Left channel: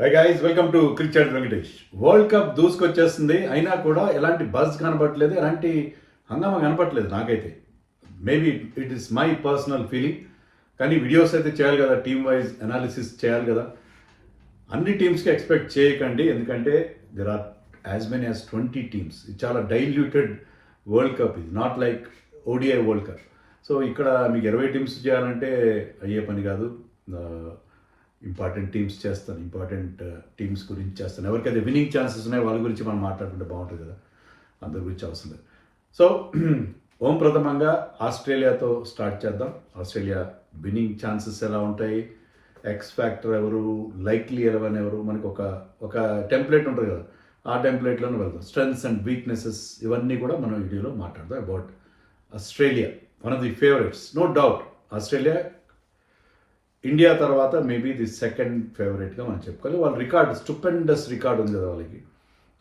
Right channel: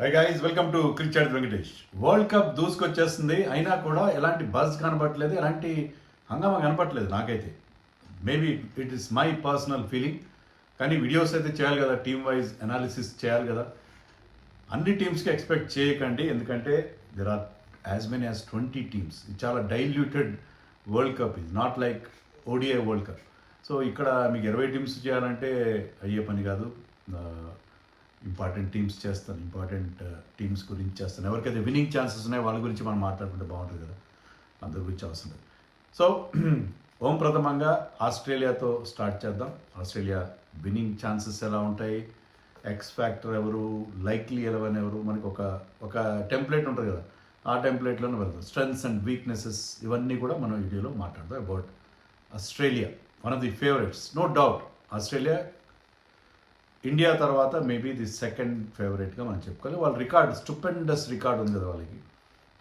High guys, welcome to cricket Venkatesh. World cup దూసుకొచ్చేస్తుంది, అయినా కూడా ఎలాంటి బజ్ కనపట్లేదు, ఎలాంటి హంగామా కనపట్లేదు నాకైతే. Maybe it is my personal feeling. కానీ వీడియోస్ అయితే చేయాలి కదా, టీమ్ వైజ్ అనాలిసిస్ చేయాలి కదా. అన్ని టీమ్స్కి ఎక్స్పెక్ట్ చేయకండి, ఎందుకంటే there are as many as 20 teams. ఇది చాలా డైల్యూటెడ్ వరల్డ్ కప్, ఇది not like ODI world cup. So ఇక్కడ మీకు 20 టీమ్స్ చేయాలంటే అయ్యే పని కాదు. ఇంపార్టెంట్ టీమ్స్ చేస్తాను, ఇంపార్టెంట్ టీమ్స్ గురించి చేస్తాను. ఎవరికైతే విన్నింగ్ ఛాన్సెస్ ఉన్నాయో వాళ్ళ గురించి మనం మాట్లాడుకుంటే బాగుంటుంది కదా, అందరి గురించి అవసరం లేదు. సో ఓం ప్రథమంగా ఆస్ట్రేలియాతో స్టార్ట్ చేద్దాం. ఆస్ట్రేలియా విన్నింగ్ ఛాన్సెస్ ఎలా ఉంటాయి, ఎక్స్ ఫ్యాక్టర్ ఎవరు, లైక్లీ 11 ఎవరు, మనకు ఒక టెంప్లెట్ ఉంటుంది కదా, ఆ టెంప్లెట్లోనే వెళ్దాం. స్ట్రెంగ్స్ అండ్ వీక్నెసెస్ ఇవన్నీ కూడా మనం వీడియోలో మాట్లాడదాం about Australia. One of the favourites, no doubt. Australia India తర్వాత మేబీ ది సెకండ్ ఫేవరెట్గా మనం చెప్పుకోవాలి. వాళ్ళ రికార్డ్ స్టూపెండస్ రికార్డ్ ఉంది కదా వాళ్ళకి,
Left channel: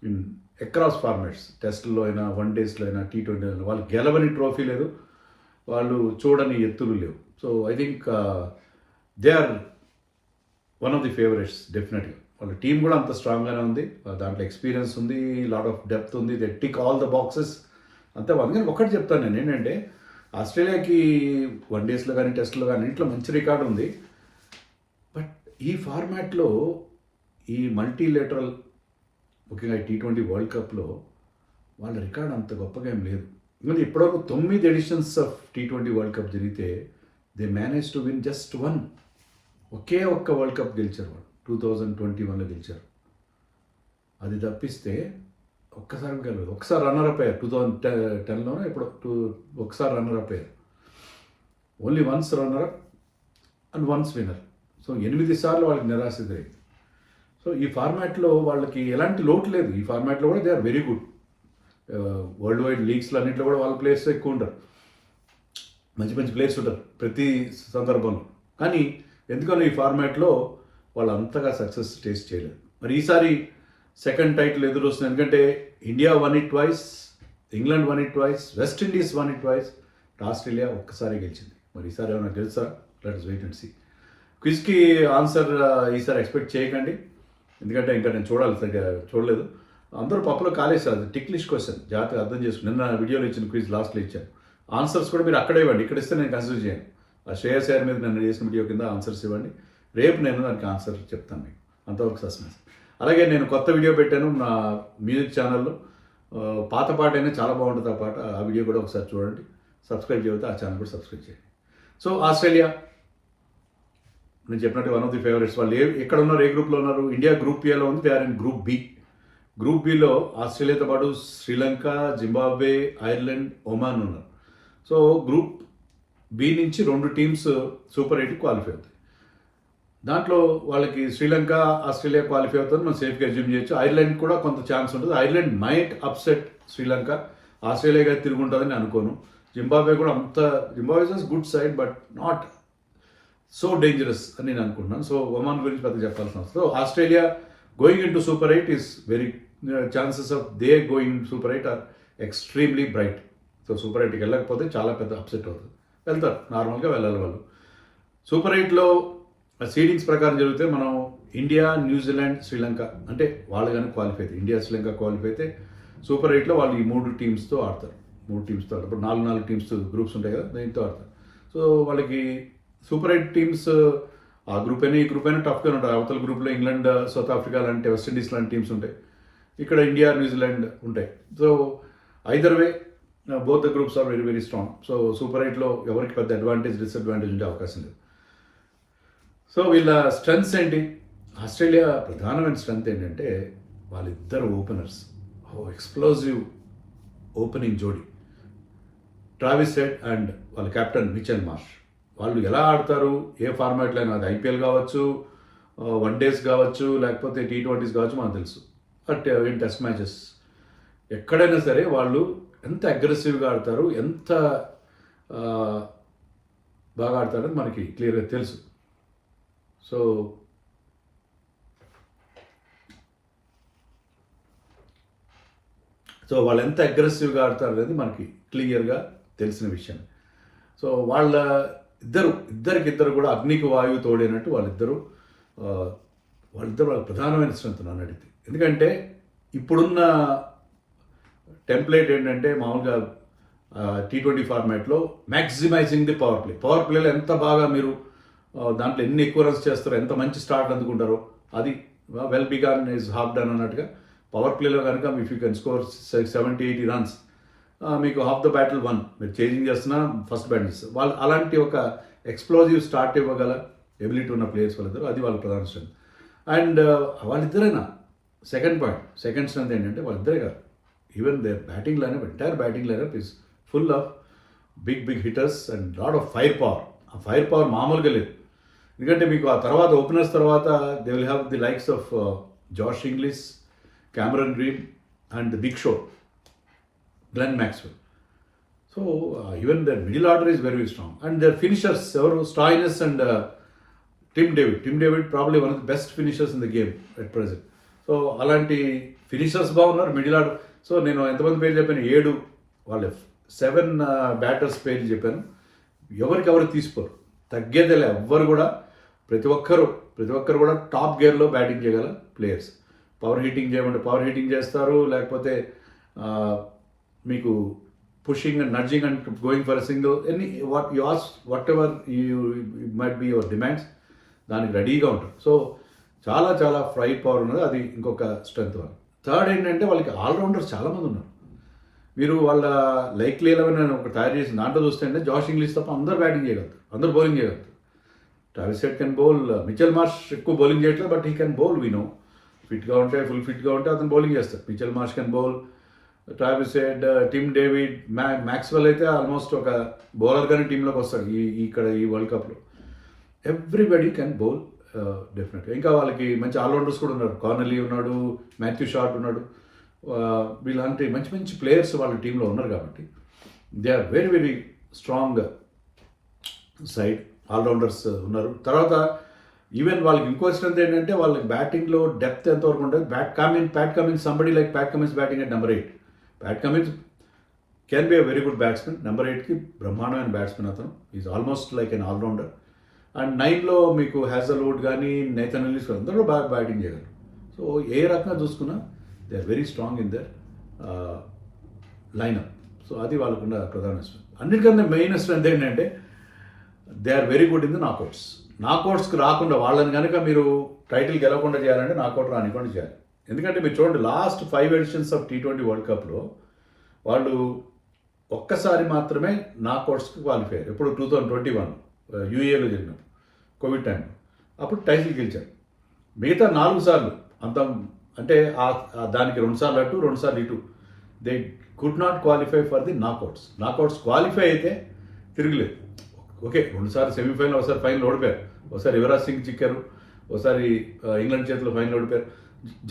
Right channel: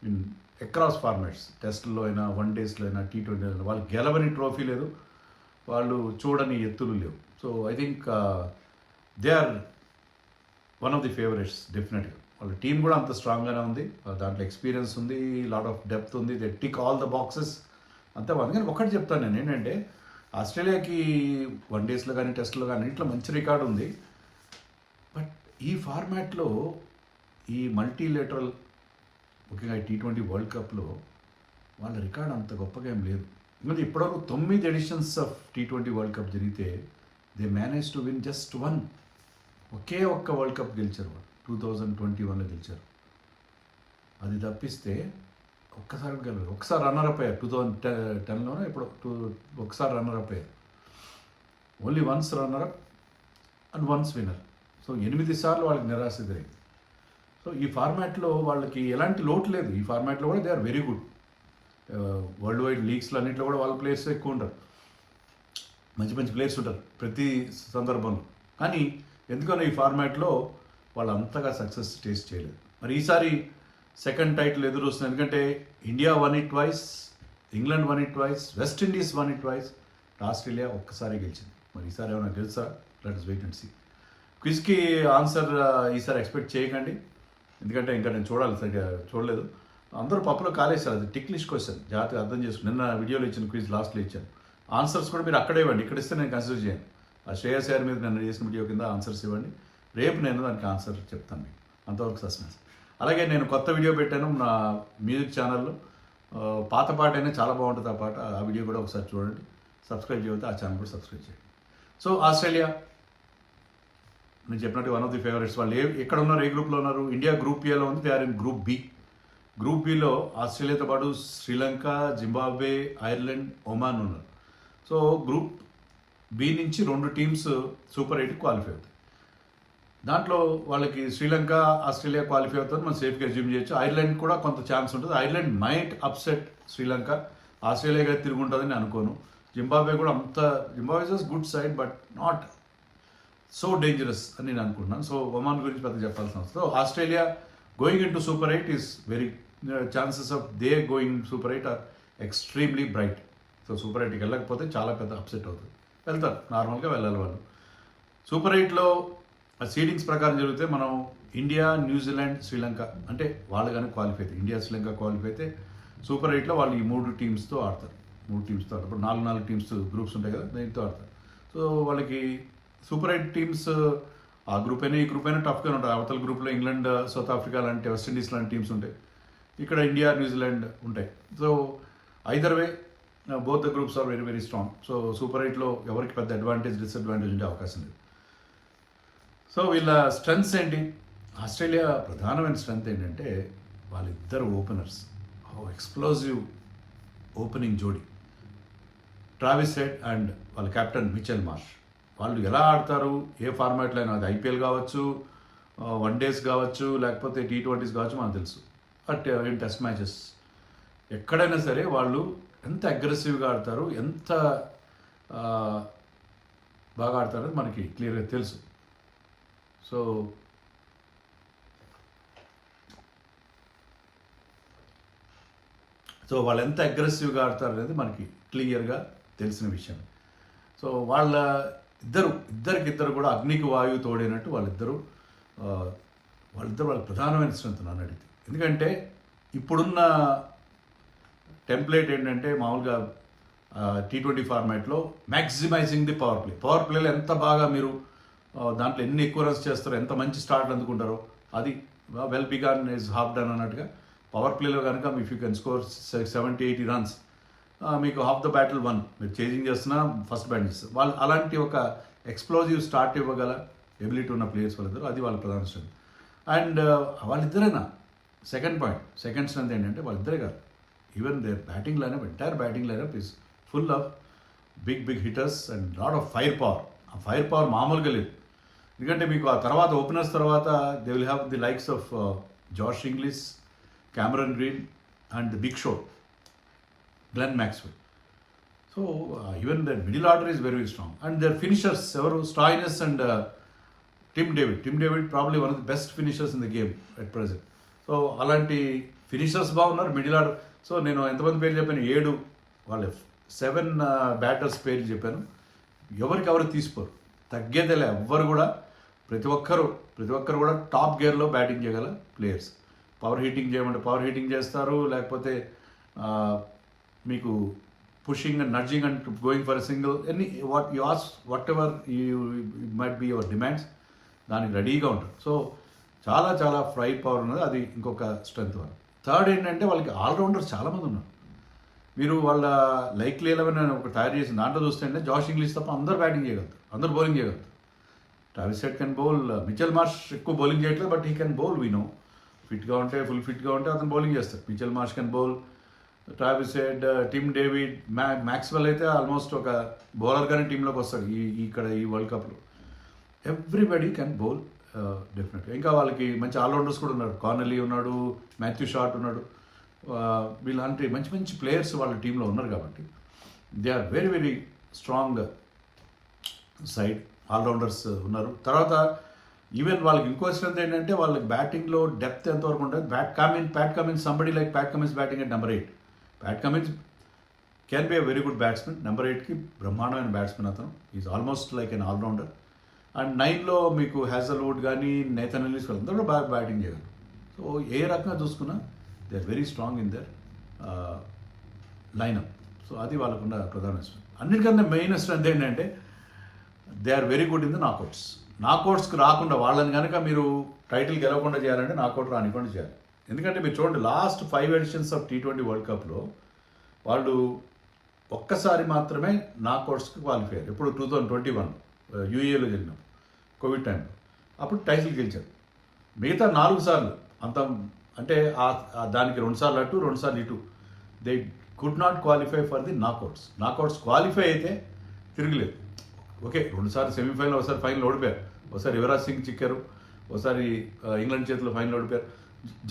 ఇన్ అక్రాస్ ఫార్మాట్స్. టెస్ట్లో అయినా, వన్ డేస్లో అయినా, T20 అయినా. వాళ్ళు గెలవని ట్రోఫీ లేదు, వాళ్ళు చూడని ఎత్తులు లేవు. So I think they are one of the favourites డెఫినెట్గా. వాళ్ళ టీం కూడా అంత స్ట్రాంగ్గానే ఉంది, దాంట్లో ఎక్స్పీరియన్స్ ఉంది, లాట్ ఆఫ్ డెప్త్ ఉంది. They tick all the boxes అంతే. అందుకని ఒకటి చెప్తాను నేను, ఏంటంటే ఆస్ట్రేలియాకి వన్ డేస్లో కానీ, టెస్ట్లో కానీ ఇంట్లో మంచి రికార్డు ఉంది. బట్ ఈ ఫార్మాట్లో, ఈ మల్టీలేటరల్, ముఖ్యంగా T20 వరల్డ్ కప్లో వాళ్ళ రికార్డ్ అంత గొప్పగా ఏం లేదు. ఎందుకంటే ఇప్పటివరకు 9 editions of T20 world cup జరిగితే they manage to win just 1. ఒకే ఒక్క వరల్డ్ కప్ గెలిచారు వాళ్ళు, 2021లో గెలిచారు. అది తప్పిస్తే ఒక్కసారి గెలవరు. ఒకసారి రన్నర్-అప్ అయ్యారు 2010లోనే, ఇప్పుడు ఒకసారి రన్నర్-అప్ అయ్యారు. Only once runner-up and once winner. So 8 సార్లు వాళ్ళకి నిరాశ ఎదురైంది. సో ఈ ఫార్మాట్లో వాళ్ళకి ఎలాంటి లోటు లేదు. ఈ ఫార్మాట్లో కూడా they are very good. World wide లీగ్స్లో అన్నింటిలో కూడా వాళ్ళ ప్లేయర్స్ ఎక్కువ ఉంటారు, మంచి మంచి ప్లేయర్స్ ఉంటారు ప్రతి సందర్భంలో. కానీ ఎందుకని ఈ ఫార్మాట్లో వాళ్ళు అంతగా సక్సెస్ టేస్ట్ చేయలేదు. మరి ఈసారి సెకండ్ టైటిల్ ఎదురు వస్తుంది. ఎందుకంటే India won it twice, England won it twice, West Indies won it twice, Australia ఒక్కసారి గెలిచింది. మరి ఈసారి ఏమైనా గెలుసా? Let's wait and see. క్విజ్కి ఆన్సర్ ఈసారి ఎక్స్పెక్ట్ చేయకండి, ఎందుకంటే ఇంకా నేను చూడలేదు. అందరూ పప్పులో కాలేసారు. అది టిక్లిష్ క్వశ్చన్, జాగ్రత్తగా అర్థం చేసుకుని. నిన్న వీడియోలో ఇచ్చిన క్విజ్ లాస్ట్లో ఇచ్చాను. ఆన్సర్స్ కూడా మీరు అక్కడే ఇవ్వండి, ఇక్కడ ఇస్తే నేను కన్సిడర్ చేయను. ఆ శ్రేయస్ అయ్యర్ మీద నేను చేసిన వీడియో కింద ఆన్సర్స్ ఇవ్వండి, రేపు నేను దానికి ఆన్సర్ చెప్తాను మీకు. అంతవరకు సస్పెన్స్. అలాగే నేను కొత్త వీడియో పెట్టాను నా మ్యూజిక్ ఛానల్లో, పాత పాట అయినా చాలా బాగుంటుంది ఆ పాట. ఆ వీడియో కూడా ఒకసారి చూడండి. సబ్స్క్రైబ్ చేయకపోతే ఆ ఛానల్ కూడా సబ్స్క్రైబ్ చేయండి. సో ఆస్ట్రేలియా నేను చెప్పినట్టు వన్ ఆఫ్ ది ఫేవరెట్స్. వాళ్ళు ఎక్కడ ఉన్నారు, ఏ గ్రూప్లో ఉన్నారు? ఇండియా గ్రూప్ ఏలో ఉంది, they are in group B. Group బిలో ఆస్ట్రేలియాతో పాటు శ్రీలంక, జింబాబ్వే, ఐర్లాండ్, ఒమాన్ ఉన్నారు. సో గ్రూప్ బి నుంచి 2 టీమ్స్ సూపర్ 8 క్వాలిఫై అవుతాయి. దాంట్లో వాళ్ళకి శ్రీలంక, ఆస్ట్రేలియా క్వాలిఫై అవుతుంది, మనం సేఫ్గా అజ్యూమ్ చేయొచ్చు. ఐర్లాండ్ కూడా కొంత ఛాన్స్ ఉంటుంది. ఐర్లాండ్ మైట్ అప్సెట్ శ్రీలంక, ఆస్ట్రేలియాగా తిరుగుంటుందని అనుకోను. జింబాబ్వే కూడా Zimbabwe is good side but not so dangerous అని నేను అనుకుంటున్నాను. సో ఒమాన్ గురించి పెద్ద చెప్పాల్సిన అవసరం. So Australia going into super 8 is very, chances of they going in super 8 are extremely bright. So super 8కి వెళ్ళకపోతే చాలా పెద్ద అప్సెట్ అవుతుంది. వెళ్తారు, నార్మల్గా వెళ్ళాలి వాళ్ళు. సూపర్ 8లో సీడింగ్స్ ప్రకారం జరిగితే మనం ఇండియా, న్యూజిలాండ్, శ్రీలంక అంటే వాళ్ళు కానీ క్వాలిఫై అయితే, ఇండియా శ్రీలంక క్వాలిఫై అయితే సూపర్ 8లో వాళ్ళు ఈ 3 టీమ్స్తో ఆడతారు. 3 టీమ్స్తో ఆడతారు. ఇప్పుడు 4 టీమ్స్ గ్రూప్స్ ఉంటాయి కదా, దీంతో ఆడతారు. సో వాళ్ళకి సూపర్ 8 టీమ్స్ ఆ గ్రూప్ అయినా ఈ గ్రూప్ అయినా టఫ్గా ఉంటాయి. అవతల గ్రూప్లో ఇంగ్లాండ్, సౌత్ ఆఫ్రికా లాంటి, వెస్టిండీస్ లాంటి టీమ్స్ ఉంటాయి. ఇక్కడ ఇండియా, న్యూజిలాండ్ ఉంటాయి. So either way both the groups are very very strong. So super 8లో ఎవరికి పెద్ద అడ్వాంటేజ్, డిసడ్వాంటేజ్ ఉండే అవకాశం లేదు. సో వీళ్ళ స్ట్రెంగ్స్ ఏంటి? ఆస్ట్రేలియా ప్రధానమైన స్ట్రెంగ్త్ ఏంటంటే వాళ్ళిద్దరు ఓపెనర్స్, ఎక్స్ప్లోజివ్ ఓపెనింగ్ జోడీ, ట్రావిస్ హెడ్ అండ్ వాళ్ళ కెప్టెన్ మిచెల్ మార్ష్. వాళ్ళు ఎలా ఆడతారు, ఏ ఫార్మాట్లో అయినా, అది ఐపీఎల్ కావచ్చు, వన్ డేస్ కావచ్చు, లేకపోతే T20s కావచ్చు, మనకు తెలుసు. బట్ ఇన్ టెస్ట్ మ్యాచెస్ ఎక్కడైనా సరే వాళ్ళు ఎంత అగ్రెసివ్గా ఆడతారు, ఎంత బాగా ఆడతారని మనకి క్లియర్గా తెలుసు. సో వాళ్ళు ఎంత అగ్రెసివ్గా ఆడతారు అనేది మనకి క్లియర్గా తెలిసిన విషయం. సో ఇద్దరికిద్దరు కూడా అగ్నికి వాయువు తోడైనట్టు వాళ్ళిద్దరూ వాళ్ళ ప్రధానమైన స్ట్రెంత్ నన్ను అడిగితే. ఎందుకంటే ఇప్పుడున్న టెంప్లేట్ ఏంటంటే మామూలుగా T20 ఫార్మాట్లో మ్యాక్సిమైజింగ్ ది పవర్ ప్లేలో ఎంత బాగా మీరు దాంట్లో ఎన్ని ఎక్కువ రన్స్ చేస్తారో, ఎంత మంచి స్టార్ట్ అందుకుంటారో, అది well begun is half done అన్నట్టుగా. పవర్ ప్లేలో కనుక if you can score 70-80 runs, మీకు హాఫ్ ద బ్యాటిల్ వన్. మీరు చేంజింగ్ చేస్తున్నా ఫస్ట్ బ్యాటింగ్స్ వాళ్ళు అలాంటి ఒక ఎక్స్ప్లోజివ్ స్టార్ట్ ఇవ్వగల ఎబిలిటీ ఉన్న ప్లేయర్స్ వాళ్ళిద్దరు. అది వాళ్ళ ప్రధాన స్ట్రెంత్. అండ్ వాళ్ళిద్దరైనా సెకండ్ స్ట్రెంత్ ఏంటంటే వాళ్ళిద్దరే కాదు, even their batting lineup, entire batting lineup is full of big hitters and lot of fire power. ఆ ఫైర్ పవర్ మామూలుగా లేదు. ఎందుకంటే మీకు ఆ తర్వాత ఓపెనర్స్ తర్వాత they will have the likes of Josh Inglis, Cameron Green and the big show, Glenn Maxwell. So even their middle order is very strong. And their finishers ఎవరు, Stoinis and Tim David probably one of the best finishers in the game at present. So అలాంటి finishers బాగున్నారు middle order. So నేను ఎంతమంది పేరు చెప్పాను, 7 వాళ్ళ 7 batters పేర్లు చెప్పాను. ఎవరు తీసుకోరు, తగ్గేదేలే ఎవ్వరు కూడా. ప్రతి ఒక్కరు కూడా టాప్ గేర్లో బ్యాటింగ్ చేయగల ప్లేయర్స్. పవర్ హిట్టింగ్ చేయమంటే పవర్ హిట్టింగ్ చేస్తారు, లేకపోతే మీకు pushing and nudging and going for a single, any whatever you might be your demands, దానికి రెడీగా ఉంటారు. సో చాలా ఫైర్ పవర్ ఉన్నది, అది ఇంకొక స్ట్రెంత్. వాళ్ళు థర్డ్ ఏంటంటే వాళ్ళకి ఆల్రౌండర్స్ చాలామంది ఉన్నారు. మీరు వాళ్ళ లైక్లీ 11 ఒక తయారు చేసిన దాంట్లో చూస్తే జాష్ ఇంగ్లీష్ తప్ప అందరూ బ్యాటింగ్ చేయగలుగుతారు, అందరూ బౌలింగ్ చేయగలుగుతారు. Travis Head can bowl, Mitchell Marsh ఎక్కువ బౌలింగ్ చేయట్లేదు, but he can bowl. We know ఫిట్గా ఉంటే, ఫుల్ ఫిట్గా ఉంటే అతను బౌలింగ్ చేస్తారు. Mitchell Marsh can bowl, Travis Head, Tim David, Maxwell అయితే ఆల్మోస్ట్ ఒక బౌలర్గానే టీంలోకి వస్తాడు ఇక్కడ ఈ వరల్డ్ కప్లో. ఎవ్రీబడి కెన్ బౌల్ డెఫినెట్గా. ఇంకా వాళ్ళకి మంచి ఆల్రౌండర్స్ కూడా ఉన్నారు. కార్నెలీ ఉన్నాడు, మాథ్యూ షార్ట్ ఉన్నాడు. వీళ్ళంటే మంచి ప్లేయర్స్ వాళ్ళ టీంలో ఉన్నారు కాబట్టి they are very strong side. Allrounders ఉన్నారు. తర్వాత ఈవెన్ వాళ్ళకి ఇంకో స్ట్రెంత్ ఏంటంటే వాళ్ళకి బ్యాటింగ్లో డెప్త్ ఎంతవరకు ఉంటుంది. Pat Cummins somebody like Pat Cummins batting at number 8. Pat Cummins can be a very good batsmen. Number 8కి బ్రహ్మాండమైన బ్యాట్స్మెన్ అతను. Is almost like an allrounder. And 9లో మీకు హ్యాజల్వుడ్ కానీ నేథన్ ఎల్లిస్ కానీ అందరూ బాగా బ్యాటింగ్ చేయగలరు. సో ఏ రకంగా చూసుకున్నా they are very strong in their lineup. So అది వాళ్ళకున్న ప్రధాన స్ట్రెంత్. అన్నిటికన్నా మెయిన్ స్ట్రెంత్ ఏంటంటే they are very good in the నాకౌట్స్కి రాకుండా వాళ్ళని కనుక మీరు టైటిల్ గెలవకుండా చేయాలంటే నాకౌట్ రానికుండా చేయాలి. ఎందుకంటే మీరు చూడండి, last 5 editions of T20 world కప్లో వాళ్ళు ఒక్కసారి మాత్రమే నాకౌట్స్కి క్వాలిఫై అయ్యారు. ఇప్పుడు 2021 UAEలో జరిగినప్పుడు కోవిడ్ టైంలో అప్పుడు టైటిల్ గెలిచారు. మిగతా 4 సార్లు అంత అంటే దానికి 2 సార్లు అటు 2 సార్లు ఇటు they could not qualify for the knockouts qualify అయితే తిరగలేదు. ఓకే, 2 సార్లు సెమీఫైనల్, ఒకసారి ఫైనల్ ఓడిపోయారు, ఒకసారి యువరాజ్ సింగ్ చిక్కారు, ఒకసారి ఇంగ్లాండ్ చేతిలో ఫైనల్ ఓడిపోయారు.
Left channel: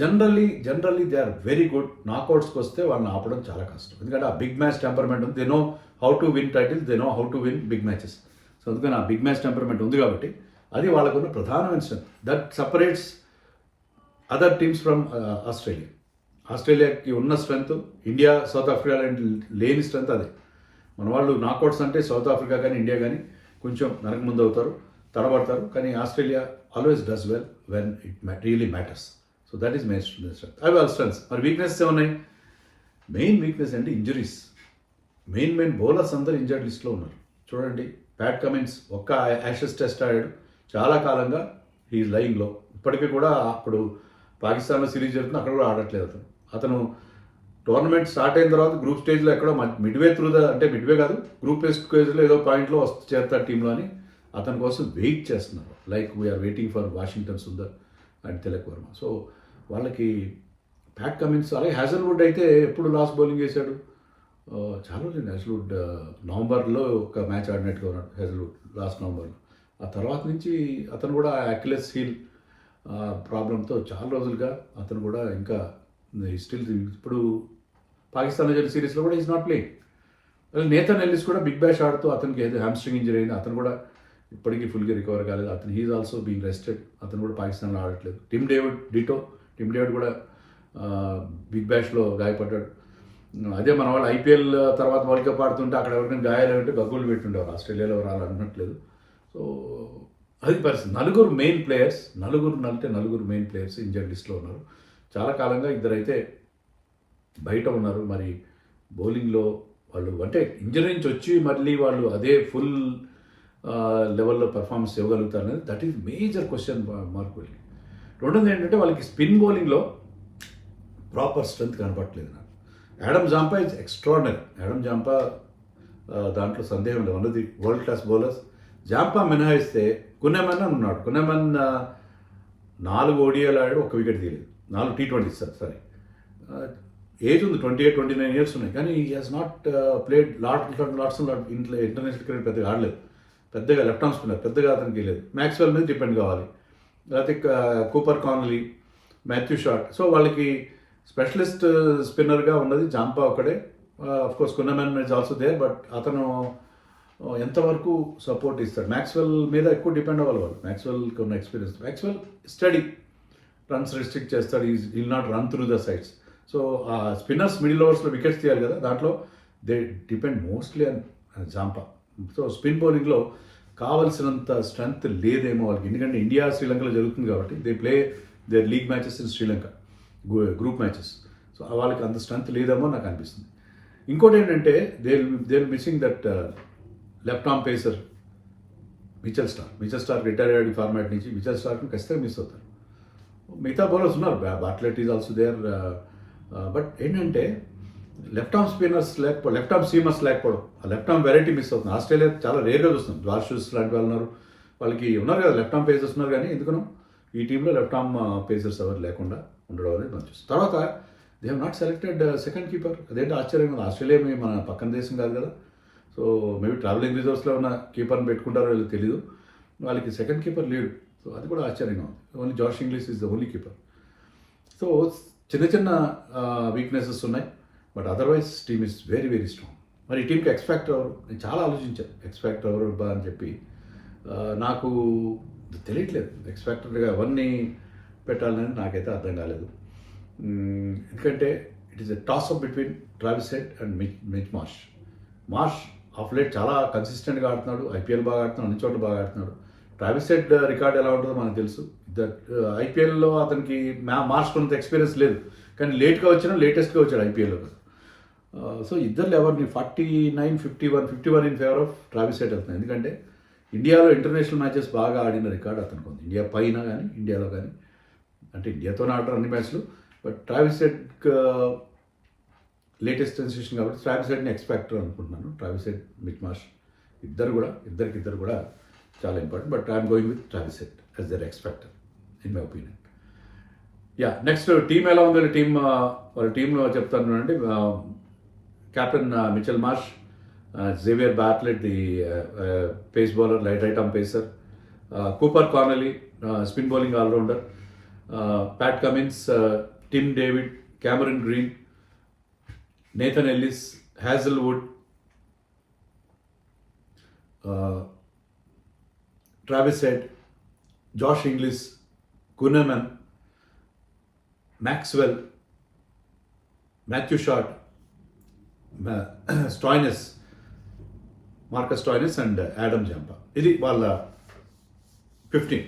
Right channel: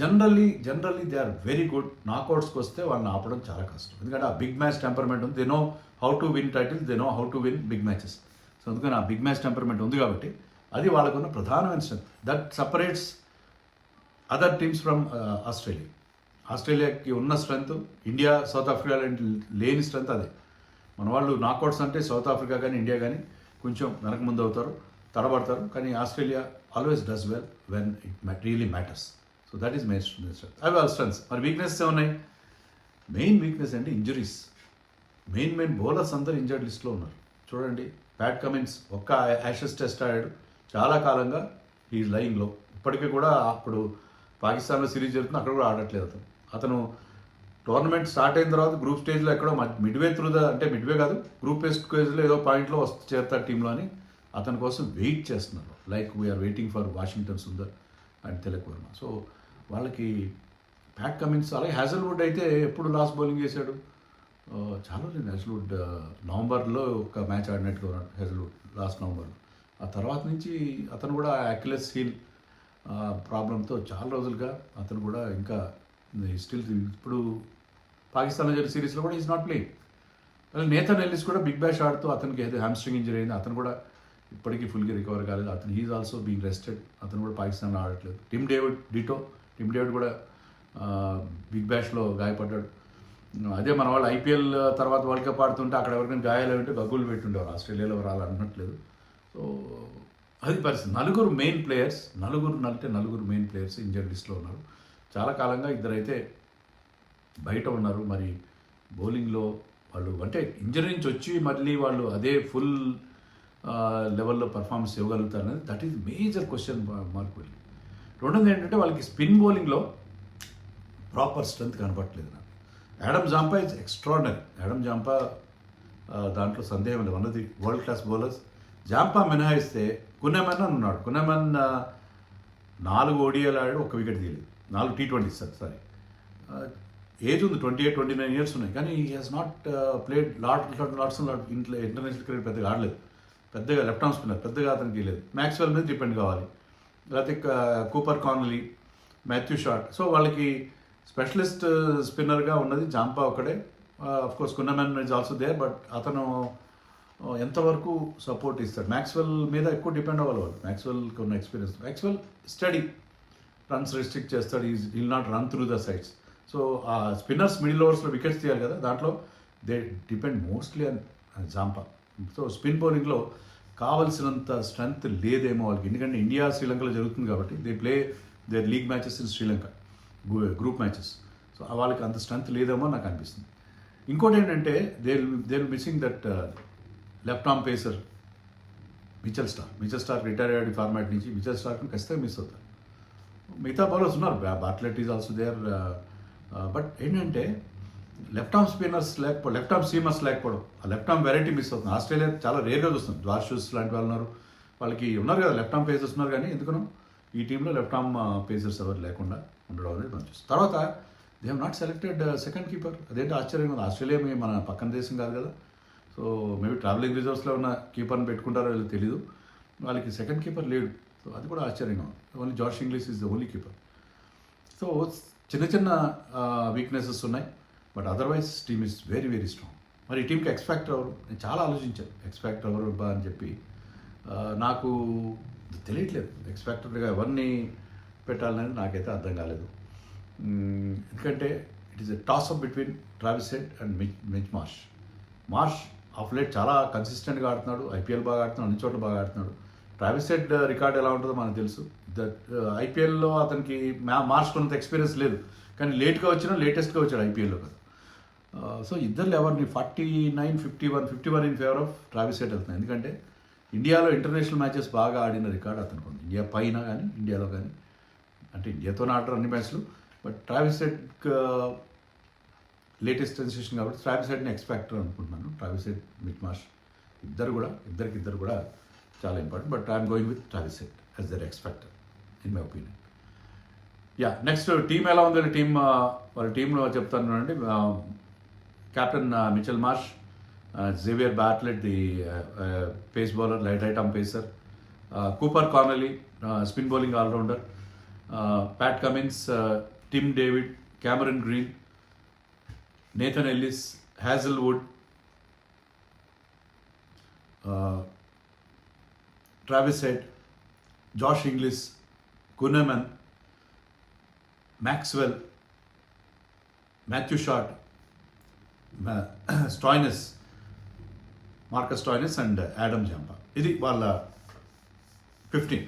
Generally they are very good. నాకౌట్స్కి వస్తే వాళ్ళని ఆపడం చాలా కష్టం. ఎందుకంటే ఆ బిగ్ మ్యాచ్ టెంపర్మెంట్ ఉంది. They know how to win titles, they know how to win big matches. So అందుకని ఆ బిగ్ మ్యాచ్ టెంపర్మెంట్ ఉంది కాబట్టి అది వాళ్ళకున్న ప్రధానమైన strength. That separates other teams from ఆస్ట్రేలియాకి ఉన్న స్ట్రెంత్ ఇండియా, సౌత్ ఆఫ్రికా లేని స్ట్రెంత్ అదే. మన వాళ్ళు నాకౌట్స్ అంటే సౌత్ ఆఫ్రికా కానీ ఇండియా కానీ కొంచెం వెనక ముందు అవుతారు, తడబడతారు. కానీ Australia always does well when it really matters. So that is main strength. అవి వాళ్ళ స్ట్రెంత్స్. మరి వీక్నెస్ ఏమున్నాయి? మెయిన్ వీక్నెస్ అంటే ఇంజరీస్. మెయిన్ బౌలర్స్ అందరూ ఇంజర్డ్ లిస్ట్లో ఉన్నారు. చూడండి, ప్యాట్ కమిన్స్ ఒక్క యాషెస్ టెస్ట్ ఆడాడు, చాలా కాలంగా ఈ లైన్లో. ఇప్పటికీ కూడా అప్పుడు పాకిస్తాన్లో సిరీస్ జరుగుతుంది, అక్కడ కూడా ఆడట్లేదు అతను. టోర్నమెంట్ స్టార్ట్ అయిన తర్వాత గ్రూప్ స్టేజ్లో ఎక్కడో మిడ్వే మిడ్వే కాదు, గ్రూప్ స్టేజ్లో ఏదో పాయింట్లో చేరుతారు టీంలో అని అతని కోసం వెయిట్ చేస్తున్నారు. Like we're waiting for Washington Sundar and Tilak Varma. So వాళ్ళకి ప్యాట్ కమిన్స్. అలాగే హ్యాజల్వుడ్ అయితే ఎప్పుడు లాస్ట్ బౌలింగ్ చేశాడు, చాలా రోజులు. హ్యాజల్వుడ్ నవంబర్లో ఒక మ్యాచ్ ఆడినట్టుగా ఉన్నాడు హ్యాజల్వుడ్, లాస్ట్ నవంబర్లో. ఆ తర్వాత నుంచి అతను కూడా అక్యులస్ హీల్ ప్రాబ్లంతో చాలా రోజులుగా అతను కూడా ఇంకా స్టిల్ ఇప్పుడు పాకిస్తాన్లో జరిగిన సిరీస్లో కూడా is not playing. Nathan Ellis కూడా బిగ్ బ్యాష్ ఆడుతూ అతనికి ఏదో హ్యామ్స్ట్రింగ్ ఇంజరీ అయింది, అతను కూడా ఇప్పటికీ ఫుల్గా రికవర్ కాలేదు. అతను హీఈ్ ఆల్సో బీయింగ్ రెస్టెడ్, అతను కూడా పాకిస్తాన్లో ఆడట్లేదు. టిమ్ డేవిడ్ కూడా బిగ్ బ్యాష్లో గాయపడ్డాడు. అదే మన వాళ్ళు IPL తర్వాత వరల్డ్ కప్ ఆడుతుంటే అక్కడ ఎవరికైనా గాయాలు ఉంటే గగ్గులు పెట్టుండేవారు. ఆస్ట్రేలియాలో రాళ్ళు అనట్లేదు. సో అది పరిస్థితి. నలుగురు మెయిన్ ప్లేయర్స్, నలుగురు మెయిన్ ప్లేయర్స్ ఇంజర్ లిస్ట్లో ఉన్నారు. చాలా కాలంగా ఇద్దరైతే బయట ఉన్నారు. మరి బౌలింగ్లో వాళ్ళు అంటే ఇంజరీ నుంచి వచ్చి మళ్ళీ వాళ్ళు అదే ఫుల్ లెవెల్లో పర్ఫార్మెన్స్ ఇవ్వగలుగుతారు అనేది that is major question mark వెళ్ళి. రెండోది ఏంటంటే వాళ్ళకి స్పిన్ బౌలింగ్లో ప్రాపర్ స్ట్రెంత్ కనపట్లేదు నాకు. Adam Zampa is extraordinary. Adam Zampa దాంట్లో సందేహం లేదు, one of the world class bowlers. Zampa మినహాయిస్తే కున్నెమన్ అని ఉన్నాడు. కున్నెమన్ 4 ఓడిఐలు ఆడాడు, 1 వికెట్ తీయలేదు. 4 T20 సారీ. ఏజ్ ఉంది, 28-29 ఇయర్స్ ఉన్నాయి, కానీ he has not played LADS ఇంట్లో ఇంటర్నేషనల్ క్రికెట్ పెద్దగా ఆడలేదు. పెద్దగా లెఫ్ట్ ఆర్మ్ స్పిన్నర్ పెద్దగా అతనికి లేదు. మ్యాక్స్వెల్ మీద డిపెండ్ కావాలి, లేకపోతే Cooper Connolly, Matthew Short. So వాళ్ళకి స్పెషలిస్ట్ స్పిన్నర్గా ఉన్నది జాంపా ఒకడే. Course Kuhnemann is also there, but అతను ఎంతవరకు సపోర్ట్ ఇస్తాడు. మ్యాక్స్వెల్ మీద ఎక్కువ డిపెండ్ అవ్వాలి వాళ్ళు. మ్యాక్స్వెల్కి ఉన్న experience. Maxwell study runs restrict చేస్తాడు, will not run through the sides. So ఆ స్పిన్నర్స్ మిడిల్ ఓవర్స్లో వికెట్స్ తీయాలి కదా, దాంట్లో they depend mostly on Zampa. So spin బౌలింగ్లో కావలసినంత స్ట్రెంగ్త్ లేదేమో వాళ్ళకి, ఎందుకంటే ఇండియా శ్రీలంకలో జరుగుతుంది కాబట్టి they play their league matches in Sri Lanka, group matches. So వాళ్ళకి అంత స్ట్రెంగ్త్ లేదేమో నాకు అనిపిస్తుంది. ఇంకోటి ఏంటంటే they missing that left arm pacer Mitchell Starc retire అయ్యాడు ఈ ఫార్మాట్ నుంచి. మిచెల్ స్టార్క్ని ఖచ్చితంగా మిస్ అవుతారు. మిగతా బౌలర్స్ ఉన్నారు, Bartlett is also there. But ఏంటంటే లెఫ్ట్ ఆర్మ్ స్పిన్నర్స్ లేకపోతే, లెఫ్ట్ ఆర్మ్ సీమర్స్ లేకపోవడం, ఆ లెఫ్ట్ ఆర్మ్ వెరైటీ మిస్ అవుతుంది. ఆస్ట్రేలియా చాలా రేర్గా చూస్తుంది. జార్షూస్ లాంటి వాళ్ళు ఉన్నారు, వాళ్ళకి ఉన్నారు కదా లెఫ్ట్ ఆర్మ్ పేసర్స్ ఉన్నారు, కానీ ఎందుకనో ఈ టీంలో లెఫ్ట్ ఆర్మ్ పేసర్స్ ఎవరు లేకుండా ఉండడం అనేది మనం చూస్తాం. తర్వాత they have not selected second keeper. అదేంటి ఆశ్చర్యం కదా, ఆస్ట్రేలియా మన పక్కన దేశం కాదు కదా. సో మేబీ ట్రావెలింగ్ రిజర్వ్స్లో ఉన్న కీపర్ని పెట్టుకుంటారో లేదో తెలియదు, వాళ్ళకి సెకండ్ కీపర్ లేడు. సో అది కూడా ఆశ్చర్యంగా ఉంది. Only Josh Inglis is the only keeper. So చిన్న వీక్నెసెస్ ఉన్నాయి, but otherwise team is very very strong. మరి ఈ టీంకి ఎక్స్ఫాక్టర్ ఎవరు, నేను చాలా ఆలోచించాను ఎక్స్ఫాక్టర్ ఎవరు బా అని చెప్పి. నాకు తెలియట్లేదు ఎక్స్ఫాక్టర్గా ఎవరిని పెట్టాలని నాకైతే అర్థం కాలేదు. ఎందుకంటే it is a toss up between Travis head and Mitch Marsh of late చాలా కన్సిస్టెంట్గా ఆడుతున్నాడు, ఐపీఎల్ బాగా ఆడుతున్నాడు, అన్ని చోట్ల బాగా ఆడుతున్నాడు. ట్రావిస్ హెడ్ రికార్డ్ ఎలా ఉంటుందో మనకు తెలుసు. ఐపీఎల్లో అతనికి మార్చ్ కొంత ఎక్స్పీరియన్స్ లేదు, కానీ లేట్గా వచ్చినా లేటెస్ట్గా వచ్చాడు ఐపీఎల్లో కదా. సో ఇద్దరు ఎవరిని 49-51 in favour of Travis head వెళ్తున్నాయి. ఎందుకంటే ఇండియాలో ఇంటర్నేషనల్ మ్యాచెస్ బాగా ఆడిన రికార్డ్ అతనికి ఉంది, ఇండియా పైన కానీ ఇండియాలో కానీ. అంటే ఇండియాతోనే ఆడరు అన్ని మ్యాచ్లు, but Travis Head latest sensation కాబట్టి ట్రావిస్ హెడ్ని ఎక్స్పెక్టర్ అనుకుంటున్నాను. ట్రావిస్ హెడ్, మిచ్ మార్ష్ ఇద్దరు కూడా చాలా important. But I'm going with Travis Head as their X factor in my opinion. Yeah, next team ఎలా ఉందో వాళ్ళ టీంలో చెప్తాను అండి. Captain Mitchell Marsh, Xavier Bartlett the pace bowler, right arm pacer, Cooper Connolly spin bowling all rounder, Pat Cummins, Tim David, Cameron Green, Nathan Ellis, Hazlewood, Travis head, Josh Inglis, Kuhnemann, Maxwell, Matthew Short, Stoinis, Marcus Stoinis and Adam Zampa. ఇది వాళ్ళ 15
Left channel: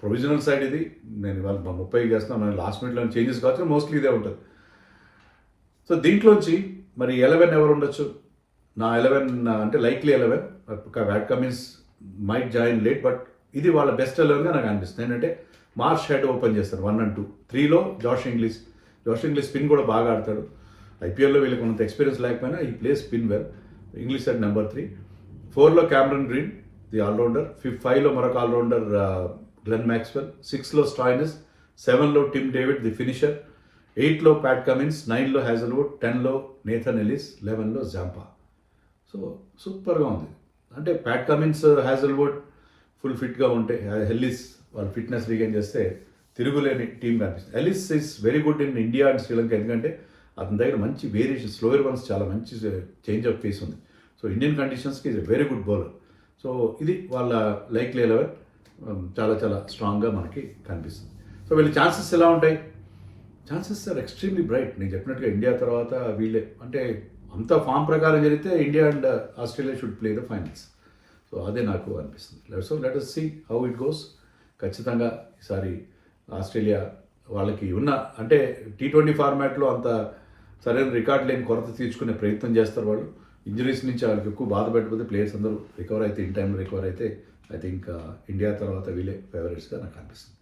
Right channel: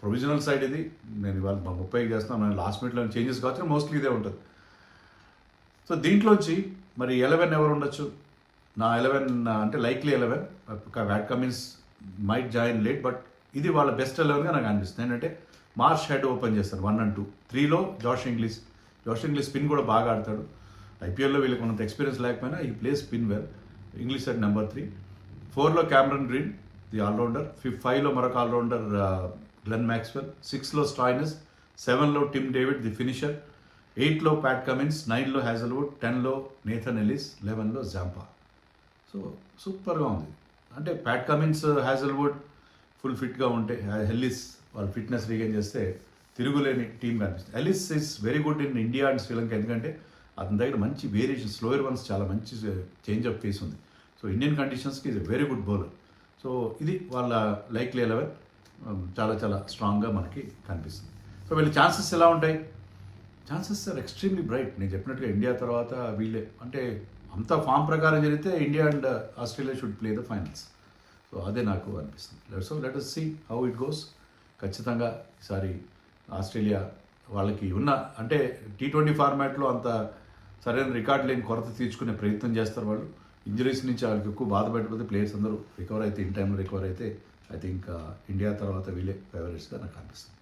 provisional side. ఇది నేను ఇవాళ 30 చేస్తున్నాను, నేను last మినిట్లో changes కావచ్చు, mostly ఇదే ఉంటుంది. సో దీంట్లోంచి మరి 11 ఎవరు ఉండొచ్చు? నా 11 అంటే likely 11. VAT Cummins might join late, but ఇది వాళ్ళ బెస్ట్ 11గా నాకు అనిపిస్తుంది. ఏంటంటే మార్ష్ హెడ్ ఓపెన్ చేస్తారు 1 and 2. 3లో జాష్ ఇంగ్లీష్ స్పిన్ కూడా బాగా ఆడతాడు. ఐపీఎల్లో వీళ్ళకి ఉన్నంత ఎక్స్పీరియన్స్ లేకపోయినా ఈ plays spin well. Inglis at number 3. 4లో క్యామరన్ గ్రీన్ ది ఆల్రౌండర్. 5లో మరొక ఆల్రౌండర్ గ్లెన్ మ్యాక్స్వెల్. 6లో స్టాయినస్. 7లో టిమ్ డేవిడ్ ది ఫినిషర్. 8లో ప్యాట్ కమిన్స్. 9లో హ్యాజల్వుడ్. 10లో నేథన్ ఎల్లిస్. 11లో జాంపా. సో సూపర్గా ఉంది. అంటే ప్యాట్ కమిన్స్, హ్యాజల్వుడ్ ఫుల్ ఫిట్గా ఉంటే, ఎల్లిస్ వాళ్ళు ఫిట్నెస్ రీగైన్ చేస్తే తిరుగులేని టీం కనిపిస్తుంది. Ellis is very good in India and Sri Lanka, ఎందుకంటే అతని దగ్గర మంచి వేరియేషన్, స్లోయర్ వన్స్ చాలా మంచి చేంజ్ ఆఫ్ ఫేస్ ఉంది. సో ఇండియన్ కండిషన్స్కి is very good bowler. So ఇది వాళ్ళ లైక్లీ 11 చాలా చాలా స్ట్రాంగ్గా మనకి కనిపిస్తుంది. సో వీళ్ళ ఛాన్సెస్ ఎలా ఉంటాయి? Chances are extremely bright. నేను చెప్పినట్టుగా ఇండియా తర్వాత వీళ్ళే, అంటే అంత ఫామ్ ప్రకారం జరిగితే India and Australia should play the finals. So అదే నాకు అనిపిస్తుంది. So let us see how it goes. ఖచ్చితంగా ఈసారి ఆస్ట్రేలియా వాళ్ళకి ఉన్న అంటే T20 ఫార్మాట్లో అంత సరైన రికార్డ్ లేని కొరత తీర్చుకునే ప్రయత్నం చేస్తారు వాళ్ళు. ఇంజరీస్ నుంచి వాళ్ళకి ఎక్కువ బాధ పెట్టకపోతే ప్లేయర్స్ అందరూ రికవర్ అయితే ఇన్ టైంలో రికవర్ అయితే ఐ థింక్ ఇండియా తర్వాత వీళ్ళే ఫేవరెట్స్గా నాకు అనిపిస్తుంది.